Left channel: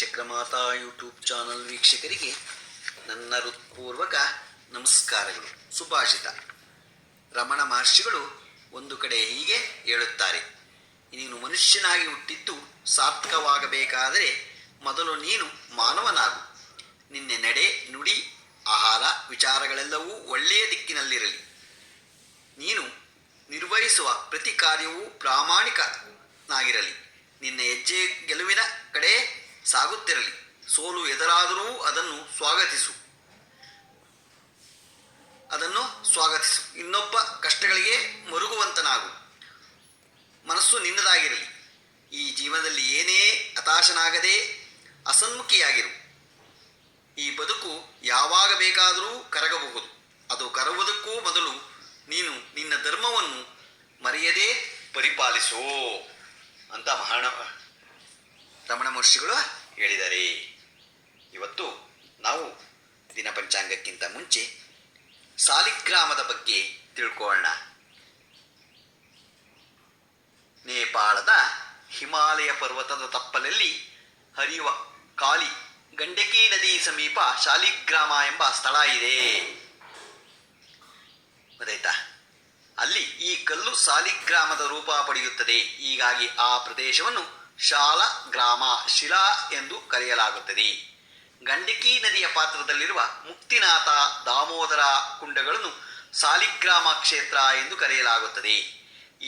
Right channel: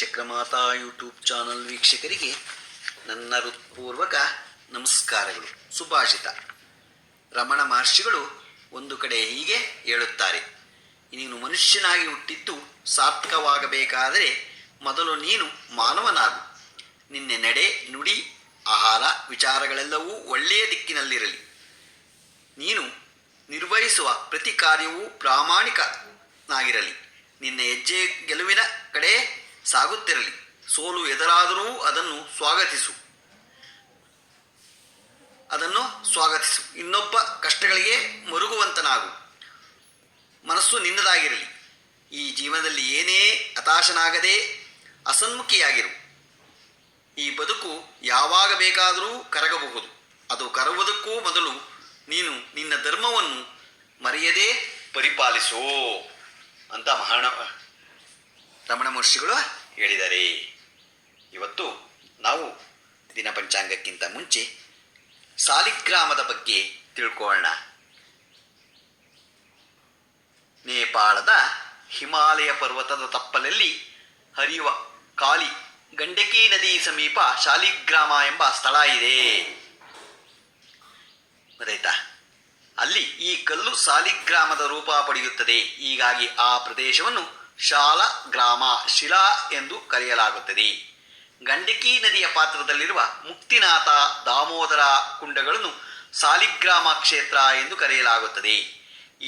ಶ್ರೀಚಕ್ರಮಾತಾ YouTube channel ವೀಕ್ಷಕರಿಗೆ ನನ್ನ ಹೃತ್ಪೂರ್ವಕ ನಮಸ್ಕಾರಗಳು. ಸುಭಾಷಿತ. ರಮಣ ಮಹರ್ಷಿಗಳು ಒಂದು ಕಡೆ ಹೀಗೆ ಹೇಳುತ್ತಾರೆ: ನೀನು ಮನುಷ್ಯನಾಗಿ ಹುಟ್ಟಿದ್ದು ಸಾರ್ಥಕವಾಗಬೇಕಾದರೆ ಮೊದಲು ನೀನು ಮಾನವನಾಗು. ನಿನ್ನೆ ನಡೆ, ನುಡಿ, ಆಹಾರ, ವಿಚಾರಗಳೆಲ್ಲವೂ ಒಳ್ಳೆಯ ದಿಕ್ಕಿನಲ್ಲಿರಲಿ. ನೀನು ನಿರ್ವಹಿಸುವ ಪ್ರತಿ ಕಾರ್ಯವೂ ಪ್ರಾಮಾಣಿಕನಾಗಿರಲಿ. ನಿನ್ನ ಹೆಜ್ಜೆ ಗೆಲುವಿನ ಕಡೆ ಸಾಗುತ್ತಿರಲಿ. ಸೋಲು ಎದುರಾದರೂ ಅದನ್ನು ಸ್ವಾಗತಿಸು. ಇನ್ನೊಬ್ಬ ಕಷ್ಟಗಳಿಗೆ ಮರುಗುವಂತನಾಗು. ಮನಸ್ಸು ನಿನ್ನದಾಗಿರಲಿ. ಈ ಜೀವನದಲ್ಲಿ ಏನೇ ಹತಾಶನಾಗದೆ ಅಸನ್ಮುಖಿಯಾಗಿರು. ಈ ಬದುಕು ಯಾವಾಗ ಬೇಕಾದರೂ ಕರಗಬಹುದು. ಅದು ಕರಗುವುದಕ್ಕೂ ಮೊದಲು ನೀನು ನಿನ್ನ ಧರ್ಮವನ್ನು ಮರೆಯದೇ ಪರಿಪಾಲಿಸೋ ಅಂತ ರಮಣ ಮಹರ್ಷಿಗಳು ಹೇಳಿದ್ದಾರೆ. ಇವತ್ತು ನಾವು ದಿನ ಪಂಚಾಂಗಕ್ಕಿಂತ ಮುಂಚೆ ಸಾಲಿಗ್ರಾಮದ ಬಗ್ಗೆ ತಿಳ್ಕೊಳ್ಳೋಣ. ನೇಪಾಳದ ಹಿಮಾಲಯ ಪರ್ವತದ ತಪ್ಪಲಲ್ಲಿ ಹರಿಯುವ ಕಾಳಿ ಗಂಡಕಿ ನದಿ ಸಮೀಪ ಶಾಲಿಗ್ರಾಮ ಎಂಬ ಸ್ಥಳ ಇದೆ. ಗೊತ್ತಾಯ್ತಾ? ಅಲ್ಲಿ ಈ ಕಲ್ಲು ಸಾಲಿಗ್ರಾಮದ ರೂಪ ಪಡೆಯುತ್ತದೆ. ಹೀಗಾಗಿ ಆ ಪ್ರದೇಶವನ್ನು ಶಾಲಗ್ರಾಮ, ಶಿಲಾ ಎಂದು ಕರೆಯಲಾಗುತ್ತದೆ. ಗಂಡಕಿ ನದಿಯ ಪಾತ್ರದಲ್ಲಿರುವ ಮುಕ್ತಿನಾಥ, ದಾಮೋದರ ಕುಂಡಗಳನ್ನು ಸಾಲಿಗ್ರಾಮ ಕ್ಷೇತ್ರ ಎಂದು ಕರೆಯಲಾಗುತ್ತದೆ.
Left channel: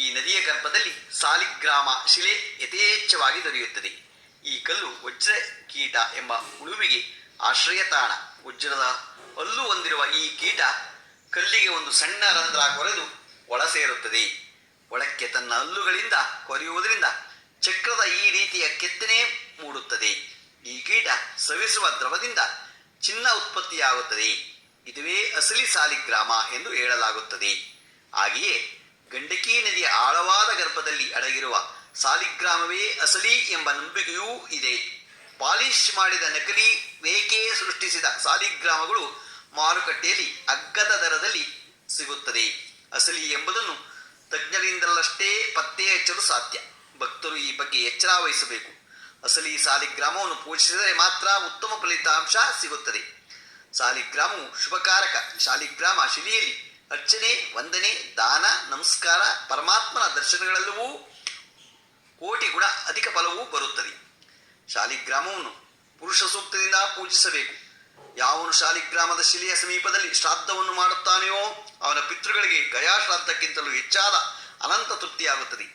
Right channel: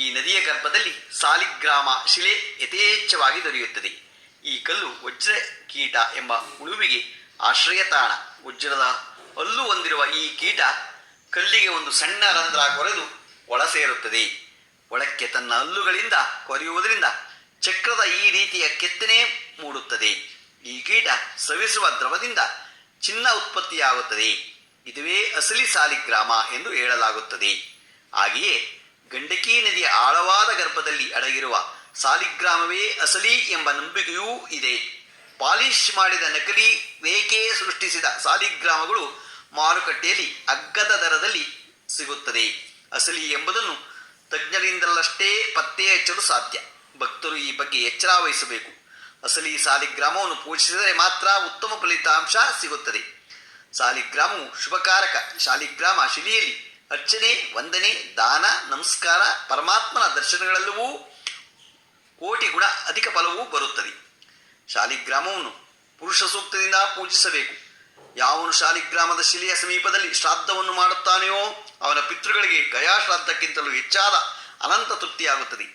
ಈ ನದಿಯ ಗರ್ಭದಲ್ಲಿ ಸಾಲಿಗ್ರಾಮ ಶಿಲೆ ಯಥೇಚ್ಛವಾಗಿ ದೊರೆಯುತ್ತದೆ. ಈ ಕಲ್ಲು ವಜ್ರ ಕೀಟ ಎಂಬ ಹುಳುವಿಗೆ ಆಶ್ರಯ ತಾಣ. ವಜ್ರದ ಹಲ್ಲು ಹೊಂದಿರುವ ಈ ಕೀಟ ಕಲ್ಲಿಗೆ ಒಂದು ಸಣ್ಣ ರಂಧ್ರ ಕೊರೆದು ಒಳ ಸೇರುತ್ತದೆ. ಒಳಕ್ಕೆ ತನ್ನ ಹಲ್ಲುಗಳಿಂದ ಕೊರೆಯುವುದರಿಂದ ಚಕ್ರದ ಈ ರೀತಿಯ ಕೆತ್ತನೆ ಮೂಡುತ್ತದೆ. ಈ ಕೀಟ ಸವಿಸುವ ದ್ರವದಿಂದ ಚಿನ್ನ ಉತ್ಪತ್ತಿಯಾಗುತ್ತದೆ. ಇದುವೇ ಅಸಲಿ ಸಾಲಿಗ್ರಾಮ ಎಂದು ಹೇಳಲಾಗುತ್ತದೆ. ಹಾಗೆಯೇ ಗಂಡಕಿ ನದಿಯ ಆಳವಾದ ಗರ್ಭದಲ್ಲಿ ಅಡಗಿರುವ ಸಾಲಿಗ್ರಾಮವೇ ಅಸಲಿ ಎಂಬ ನಂಬಿಕೆಯೂ ಇದೆ. ಪಾಲಿಶ್ ಮಾಡಿದ ನಕಲಿ ರೇಖೆ ಸೃಷ್ಟಿಸಿದ ಸಾಲಿಗ್ರಾಮಗಳು ಮಾರುಕಟ್ಟೆಯಲ್ಲಿ ಅಗ್ಗದ ದರದಲ್ಲಿ ಸಿಗುತ್ತದೆ. ಅಸಲಿ ಎಂಬುದನ್ನು ತಜ್ಞರಿಂದಲಷ್ಟೇ ಪತ್ತೆ ಹಚ್ಚಲು ಸಾಧ್ಯ. ಭಕ್ತರು ಈ ಬಗ್ಗೆ ಎಚ್ಚರ ವಹಿಸಬೇಕು. ಅಸಲಿ ಸಾಲಿಗ್ರಾಮವನ್ನು ಪೂಜಿಸಿದರೆ ಮಾತ್ರ ಉತ್ತಮ ಫಲಿತಾಂಶ ಸಿಗುತ್ತದೆ. ಸಾಲಿಗ್ರಾಮವು ಶುಭಕಾರಕ. ಶಾಲಿಗ್ರಾಮ ಶಿಲೆಯಲ್ಲಿ ಅರ್ಚನೆ, ವಂದನೆ, ದಾನ, ನಮಸ್ಕಾರ, ಪರಮಾತ್ಮನ ದರ್ಶನಗಳೆಲ್ಲವೂ ಕೋಟಿ ಗುಣ ಅಧಿಕ ಫಲವೂ ಬರುತ್ತದೆ. ಶಾಲಿಗ್ರಾಮವನ್ನು ಪುರುಷ ಸೂಕ್ತದಿಂದ ಪೂಜಿಸಬೇಕು. ಯಾವನು ಶಾಲಿಗ್ರಾಮದ ಶಿಲೆಯ ಸಮೀಪದಲ್ಲಿ ಶ್ರಾದ್ದವನ್ನು ಮಾಡುತ್ತಾನೆಯೋ ಅವನ ಪಿತೃಗಳಿಗೆ ಗಯಾ ಶ್ರಾದ್ದಕ್ಕಿಂತಲೂ ಹೆಚ್ಚಾದ ಅನಂತ ತೃಪ್ತಿಯಾಗುತ್ತದೆ.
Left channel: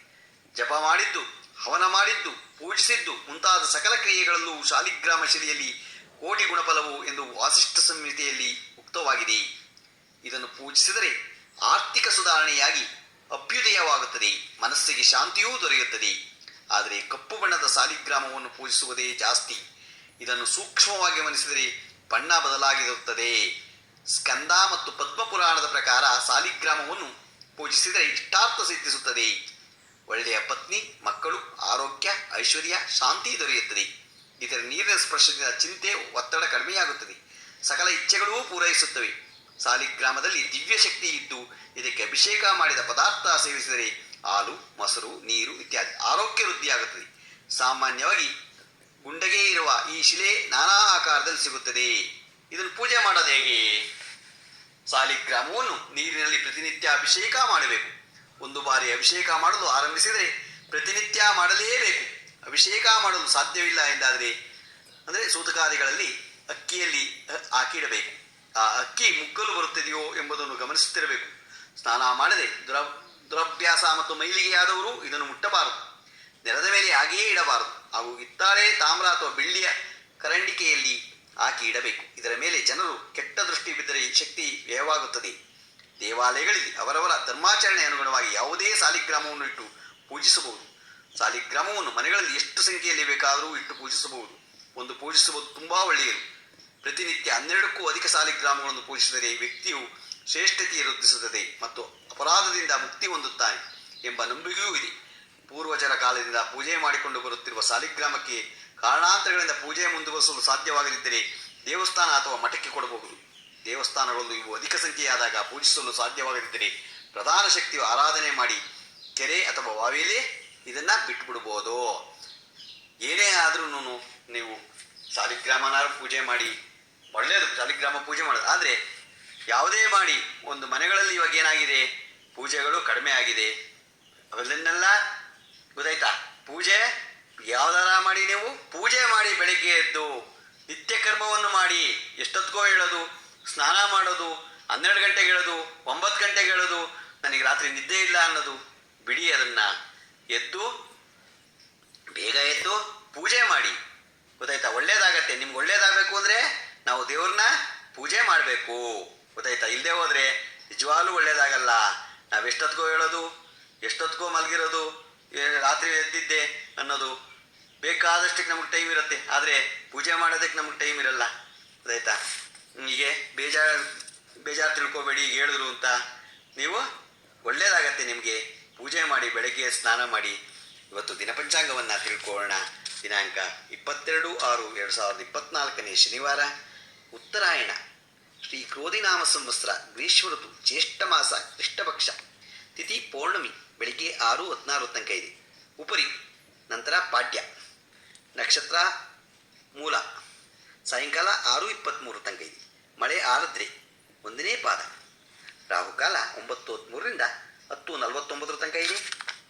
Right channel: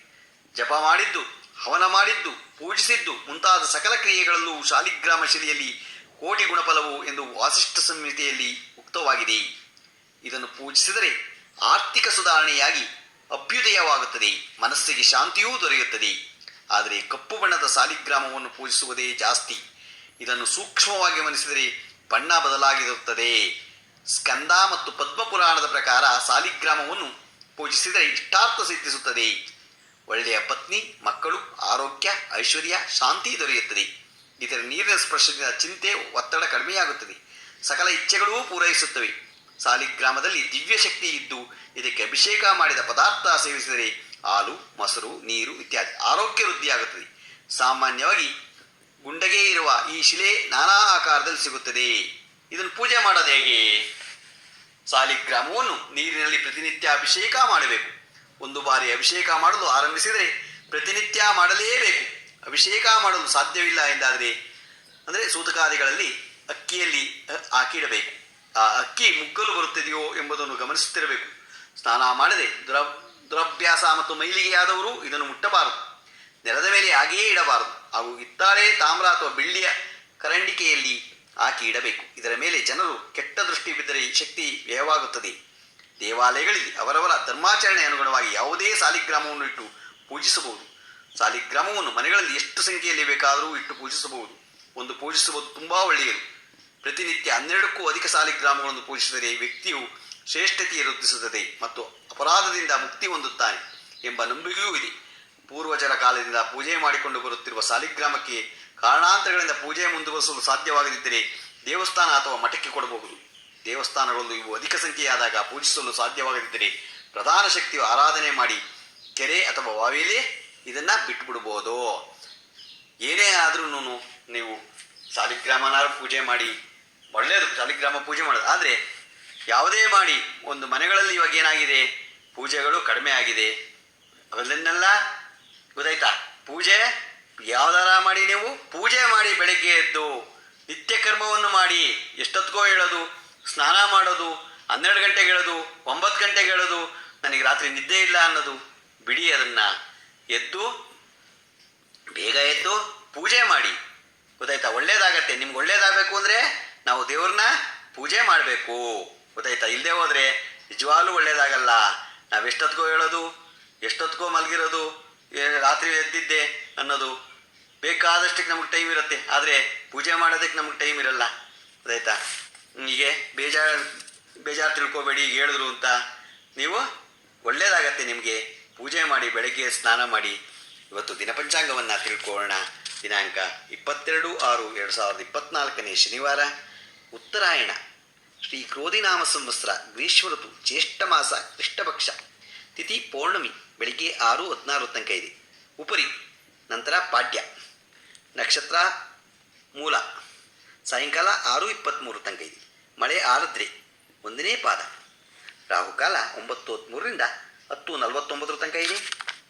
ಜಪ ಮಾಡಿದ್ದು, ಹವನ ಮಾಡಿದ್ದು, ಪೂಜಿಸಿದ್ದು ಮುಂತಾದ ಸಕಲ ಕ್ರಿಯೆಗಳಲ್ಲೂ ಶಾಲಿಗ್ರಾಮ ಶಿಲೆಯಲ್ಲಿ ಕೋಟಿ ಗುಣಫಲವು ಎಂದು ವಾಸಿಷ್ಠ ಸಂಹಿತೆಯಲ್ಲಿ ಉಕ್ತವಾಗಿದೆ. ಇದನ್ನು ಪೂಜಿಸಿದರೆ ಆರ್ಥಿಕ ಸುಧಾರಣೆಯಾಗಿ ಅಭ್ಯುದಯವಾಗುತ್ತದೆ, ಮನಸ್ಸಿಗೆ ಶಾಂತಿಯೂ ದೊರೆಯುತ್ತದೆ. ಆದರೆ ಕಪ್ಪು ಬಣ್ಣದ ಸಾಲಿಗ್ರಾಮವನ್ನು ಪೂಜಿಸುವುದೇ ಜಾಸ್ತಿ. ಇದನ್ನು ಸೂಕ್ಷ್ಮವಾಗಿ ಗಮನಿಸಿದರೆ ಬಣ್ಣ ಬದಲಾಗಿರುತ್ತದೆ. ಸ್ಕಂದ ಮತ್ತು ಪದ್ಮಪುರಾಣದ ಪ್ರಕಾರ ಸಾಲಿಗ್ರಾಮವನ್ನು ಪೂಜಿಸಿದರೆ ಇಷ್ಟಾರ್ಥ ಸಿದ್ಧಿಸುತ್ತದೆ. ಒಳ್ಳೆಯ ಪತ್ನಿ, ಮಕ್ಕಳು, ಆರೋಗ್ಯ, ಐಶ್ವರ್ಯ, ಶಾಂತಿ ದೊರೆಯುತ್ತದೆ. ಇದರ ನೀರಿನ ಸ್ಪರ್ಶದಿಂದ ಚಿಂತೆ, ಒತ್ತಡ ಕಡಿಮೆಯಾಗುತ್ತದೆ. ಸಕಲ ಇಚ್ಛೆಗಳೂ ಪೂರೈಸುತ್ತವೆ. ಸಾಲಿಗ್ರಾಮದಲ್ಲಿ ದಿವ್ಯ ಶಕ್ತಿ ಇದ್ದು ಇದಕ್ಕೆ ಅಭಿಷೇಕ ಮಾಡಿದ ಪದಾರ್ಥ ಸೇವಿಸಿದರೆ ಹಾಲು, ಮೊಸರು, ನೀರು ಇತ್ಯಾದಿ ಆರೋಗ್ಯ ವೃದ್ಧಿಯಾಗುತ್ತದೆ. ಸಾಮಾನ್ಯವಾಗಿ ಗುಂಡಗೆ ಇರುವ ಈ ಶಿಲೆ ನಾನಾ ಆಕಾರದಲ್ಲಿ ಸಿಗುತ್ತದೆ. ಇದನ್ನು ಪೂಜೆ ಮಾಡೋದು ಹೇಗೆ? ಸಾಲಿಗ್ರಾಮವನ್ನು ನೀರಿನಲ್ಲಿ ಪ್ರತಿನಿತ್ಯ ಅಭಿಷೇಕ ಮಾಡಬೇಕು. ಒಂದು ಬಾರಿ ಅಭಿಷೇಕ ಮಾಡಲು ಆರಂಭಿಸಿದರೆ ಪ್ರತಿನಿತ್ಯ ಮಾಡಲೇಬೇಕು. ಅಭಿಷೇಕ ಮಾಡಲು ಸಾಧ್ಯವಿಲ್ಲ ಎಂದಾದರೆ ಸೂತಕಾದಿಗಳಲ್ಲಿ ಅಕ್ಕಿಯಲ್ಲಿ ಹಾಕಿಡಬೇಕು. ಆ ಅಕ್ಕಿ ಮುಗ್ಗಲು ಬರುತ್ತದೆಯೋ ಎಂಬುದನ್ನು ಗಮನಿಸುತ್ತಿರಬೇಕು. ಸ್ನಾನ ಮಾಡದೆ ದುರಭ್ಯಾಸ ಮತ್ತು ಮೈಲಿಗೆಯಾದವರು ಇದನ್ನು ಮುಟ್ಟಬಾರದು. ನೆಲದ ಮೇಲೆ ಹಾಗೆಯೇ ಇಡಬಾರದು. ಹಾಗೂ ಹಿತ್ತಾಳೆ, ತಾಮ್ರ ಅಥವಾ ಬೆಳ್ಳಿಯ ಕರಂಡಿಕೆಯಲ್ಲಿ ಹಾಕಿ ಇಡಬೇಕು. ಇದರ ಮೇಲೆ ಜನರು ಕೆಟ್ಟ ದೃಷ್ಟಿ ಬಿದ್ದರೆ ಶಕ್ತಿ ವ್ಯಯವಾಗುತ್ತದೆ. ದೇವಾಲಯಗಳಲ್ಲಿ ಅವರವರ ಧರ್ಮಾಚರಣೆ ಅನುಗುಣವಾಗಿ ಯಾವುದೇ ಸಾಲಿಗ್ರಾಮವನ್ನು ಇಟ್ಟು ಪೂಜಿಸಬಹುದು. ಸಾಲಿಗ್ರಾಮವನ್ನು ಮನೆಗಳಲ್ಲಿ ಎಷ್ಟು ಸಂಖ್ಯೆಯಲ್ಲಿ ಬೇಕಾದರೂ ಇಟ್ಟು ಪೂಜಿಸಬಹುದು. ಒಂದು ಪೂಜಿಸುವುದು ತುಂಬ ಒಳ್ಳೆಯದು. ಪ್ರತಿನಿತ್ಯ 12ಕ್ಕೂ ಅಧಿಕ ಸಾಲಿಗ್ರಾಮಗಳನ್ನು ಪೂಜಿಸಿದರೆ ವ್ಯಕ್ತಿಯು ಶ್ರೇಷ್ಠತೆ ವೃದ್ಧಿಸುತ್ತದೆ ಮತ್ತು ಅಪರಾಧದಿಂದ ಮುಕ್ತಿ ಹೊಂದುತ್ತಾನೆ ಎಂಬ ನಂಬಿಕೆಯೂ ಇದೆ. ಪೂರ್ವಜರ ಕಾಲದಿಂದ ಪೂಜೆ ಮಾಡಿಕೊಂಡು ಬರುತ್ತಿರುವ ಸಾಲಿಗ್ರಾಮಕ್ಕೆ ಕಾರಣಾಂತರಗಳಿಂದ ಪೂಜೆ ಮುಂದುವರಿಸಲು ಸಾಧ್ಯವಾಗದಿದ್ದರೆ ದೇವಸ್ಥಾನ ಅಥವಾ ಮಠಕ್ಕೆ ಕೊಡಬಹುದು. ದೇವಸ್ಥಾನಗಳಲ್ಲೂ ಇವು ಅಧಿಕ ಸಂಖ್ಯೆಯಾದಾಗ ಪೂಜಿಸಲು ಸಾಧ್ಯವಾಗದಿದ್ದರೆ ಪ್ರಧಾನ ಶಕ್ತಿಯು ಆರಾಧನೆ ಮಾಡಿ ಕೆರೆ ಅಥವಾ ಬಾವಿಯಲ್ಲೇ ಇದನ್ನು ಬಿಟ್ಟುಬಿಡ್ಬೋದು. ಏನೇ ಆದ್ರೂ ನೀವು ಸಾಲಿಗ್ರಾಮನಾರು ಪೂಜೆ ಮಾಡಿ ಒಳ್ಳೆಯದು, ಸಾಲಿಗ್ರಾಮ ಪೂಜೆ ಮಾಡೋದು. ಆದರೆ ಯಾವುದೇ ಮಾಡಿ ಒಂದು ಮನೆಗಳಲ್ಲಿ ಇವಾಗ ಏನಾಗಿದೆ, ಪೂಜೆಗಳು ಕಡಿಮೆ ಆಗಿದೆ. ಅವೆಲ್ಲನ್ನೆಲ್ಲ ಗೊತ್ತಾಯ್ತಾ, ಪೂಜೆ ಯಾವ್ದಾರ ಮಾಡಿ, ನೀವು ಪೂಜೆ ಮಾಡಿ ಬೆಳಗ್ಗೆ ಎದ್ದು ನಿತ್ಯ ಕರ್ಮವನ್ನು ಮಾಡಿ, ಎಷ್ಟೊತ್ತಿಗೋ ಹೇಳೋದು, ಸ್ನಾನ ಮಾಡೋದು, 12 ಗಂಟೆಗೆ ಹೇಳೋದು, 9 ಗಂಟೆಗೆ ಹೇಳೋದು, ನನಗೆ ರಾತ್ರಿ ನಿದ್ದೆ ಇಲ್ಲ ಅನ್ನೋದು ಬಿಡಿ. ಅದನ್ನು ಎದ್ದು ಬೇಗ ಎದ್ದು ಪೂಜೆ ಮಾಡಿ, ಗೊತ್ತಾಯ್ತಾ, ಒಳ್ಳೇದಾಗತ್ತೆ. ನಿಮ್ಗೆ ಒಳ್ಳೇದಾಗಬೇಕು ಅಂದರೆ ನಾವು ದೇವ್ರನ್ನ ಪೂಜೆ ಮಾಡಬೇಕು, ಗೊತ್ತಾಯ್ತಾ. ಇಲ್ಲದೆ ಹೋದರೆ ನಿಜವಾಗ್ಲೂ ಒಳ್ಳೇದಾಗಲ್ಲ. ನಾವು ಎಷ್ಟೊತ್ತಿಗೋ ಹೇಳೋದು, ಎಷ್ಟೊತ್ತಿಗೋ ಮಲಗಿರೋದು, ರಾತ್ರಿ ಎದ್ದಿದ್ದೆ ಅನ್ನೋದು, ಬೇಕಾದಷ್ಟಕ್ಕೆ ನಮಗೆ ಟೈಮ್ ಇರುತ್ತೆ, ಆದರೆ ಪೂಜೆ ಮಾಡೋದಕ್ಕೆ ನಮಗೆ ಟೈಮ್ ಇರಲ್ಲ, ಗೊತ್ತಾಯ್ತಾ. ಹೀಗೆ ಬೇಜಾರು ತಿಳ್ಕೊಬೇಡಿ, ಈಗ ಹೇಳಿದ್ರು ಅಂತ. ನೀವು ಒಳ್ಳೆಯದಾಗತ್ತೆ ನಿಮಗೆ. ಪೂಜೆ ಮಾಡಿ, ಬೆಳಗ್ಗೆ ಸ್ನಾನ ಮಾಡಿ. ಇವತ್ತು ದಿನಪಂಚಾಂಗವನ್ನು ತಿಳ್ಕೊಳ್ಳೋಣ. ದಿನಾಂಕ 22/6/2024 ಶನಿವಾರ, ಉತ್ತರಾಯಣ, ಶ್ರೀ ಕ್ರೋಧಿನಾಮ ಸಂವತ್ಸರ, ಗ್ರೀಷ್ಮ ಋತು, ಜ್ಯೇಷ್ಠ ಮಾಸ, ಕೃಷ್ಣಪಕ್ಷ, ತಿಥಿ ಪೌರ್ಣಮಿ, ಬೆಳಿಗ್ಗೆ 6:16 ತನಕ ಇದೆ. ಉಪರಿ ನಂತರ ಪಾಡ್ಯ, ನಕ್ಷತ್ರ ಮೂಲ, ಸಾಯಂಕಾಲ 6:23 ತನಕ ಇದೆ. ಮಳೆ ಆರದ್ರೆ, 1ನೇ ಪಾದ. ರಾಹುಕಾಲ 9:13ರಿಂದ 10:49 ತನಕ ಇದೆ.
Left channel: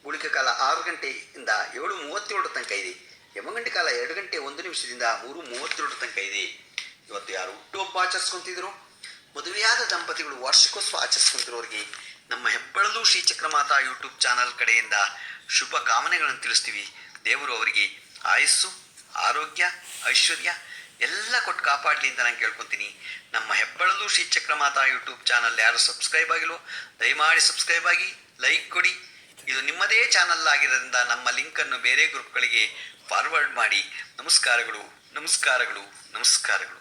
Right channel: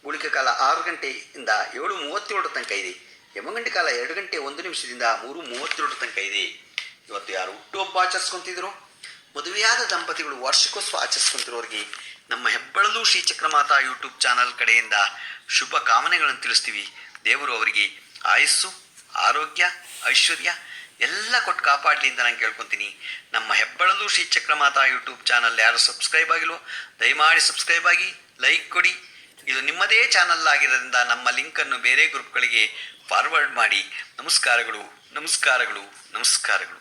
ಗುಳಿಕ ಕಾಲ 6 ಗಂಟೆಯಿಂದ 7:37 ತನಕ ಇದೆ. ಯಮಗಂಟೆ ಕಾಲ 2 ಗಂಟೆ 1 ನಿಮಿಷದಿಂದ 3:32 ತನಕ ಇದೆ. ಇವತ್ತು ಯಾರು ಹುಟ್ಟುಹಬ್ಬ ಆಚರಿಸ್ಕೊತಿದ್ರು, ಮದುವೆಯಾದ ದಂಪತಿಗಳು ವಾರ್ಷಿಕೋತ್ಸವ ಆಚರಿಸ್ಕೊತಿರೋರಿಗೆ ನಮ್ಮ ಹೆಬ್ಬಳಲು ಶ್ರೀಚಕ್ರಮಾತಾ ಯೂಟ್ಯೂಬ್ ಚಾನಲ್ ಕಡೆಯಿಂದ ಶುಭ ಕಾಮನೆಗಳನ್ನು ತಿಳಿಸ್ತೀವಿ. ದೇವರು ಅವರಿಗೆ ಆಯಸ್ಸು, ಆರೋಗ್ಯ, ಐಶ್ವರ್ಯ ಎಲ್ಲ ಕೊಟ್ಟು ಕಾಪಾಡಲಿ ಅಂತ ನಾನು ಕೇಳ್ಕೊತೀನಿ. ನಮ್ಮ ಹೆಬ್ಬಳಲು ಶ್ರೀಚಕ್ರಮಾತಾ ಯೂಟ್ಯೂಬ್ ಚಾನಲ್ ಯಾರು ಸಬ್ಸ್ಕ್ರೈಬ್ ಆಗಿಲ್ವೋ ದಯಮಾಡಿ ಸಬ್ಸ್ಕ್ರೈಬ್ ಆಗಿ, ಲೈಕ್ ಕೊಡಿ. ಇದು ನಿಮ್ಮದೇ ಚಾನಲ್ ಆಗಿರೋದ್ರಿಂದ ನಮ್ಮ ಲಿಂಕನ್ನು ಬೇರೆ ಗ್ರೂಪ್ಗಳಿಗೆ ಫಾರ್ವರ್ಡ್ ಮಾಡಿ. ನಮಸ್ಕಾರಗಳು, ನಮಸ್ಕಾರಗಳು, ನಮಸ್ಕಾರಗಳು.